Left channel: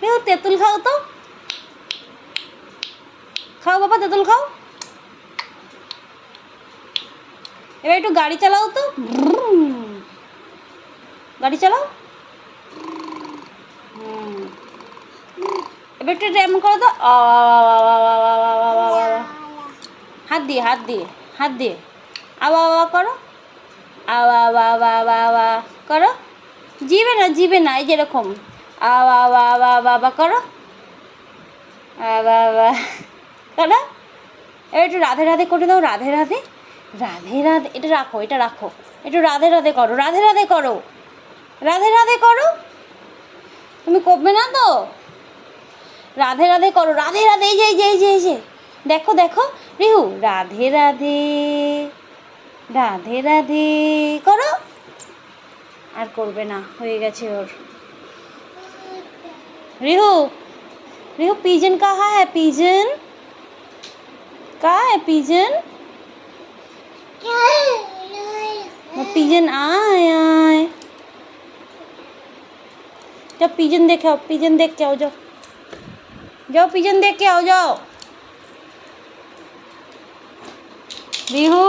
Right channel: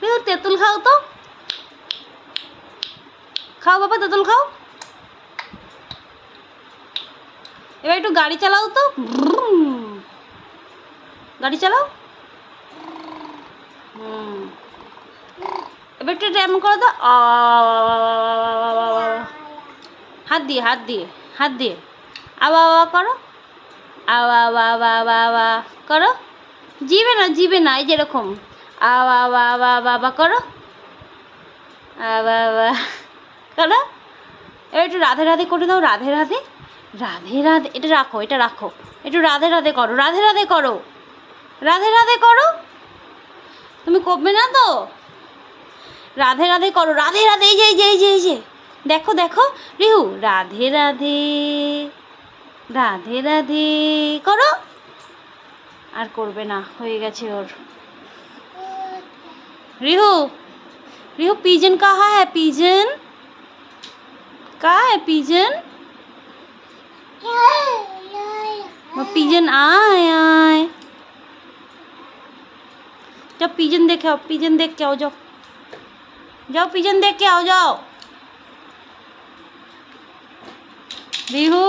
রিহু তেঁতুল খাও তো, খাও বাবা তেঁতুল খাও। এবার একটু গাড়ি চালাও তো, গাড়ি চালাও। এবার একটু এমন করো তো, হাত দিয়ে হাত দিয়ে হাত দিয়ে আবা আবা করো, আবা আবা আবা আবা আবা করো। জিবে না, এই যেরকম আবা আবা আবা আবা আবা করো, আবা আবা করো। এবার একটু রাধে রাধে করে দাও, রাধে রাধে রাধে রাধে। এটা রাখো, এটা রাখো, একটু রাধে রাধে করো, রাধে রাধে করো, রাধে রাধে করো। তুমি করবে না তো, রাধে রাধে করো, রাধে রাধে। এই যে এই যে এই যে এই যে দেখো দেখো রিহু, রাধে রাধে রাধে রাধে করো। আর করবে না, হয়ে গেছে ওর। রিহু, রিহু पिजन कहाँ है, पिजन कहाँ है, पिजन पिजन आए आए। जब पिजन देखे आओ, पिजन देख के आओ, जाओ जाओ, पिजन देख के आओ, जाओ। रिहू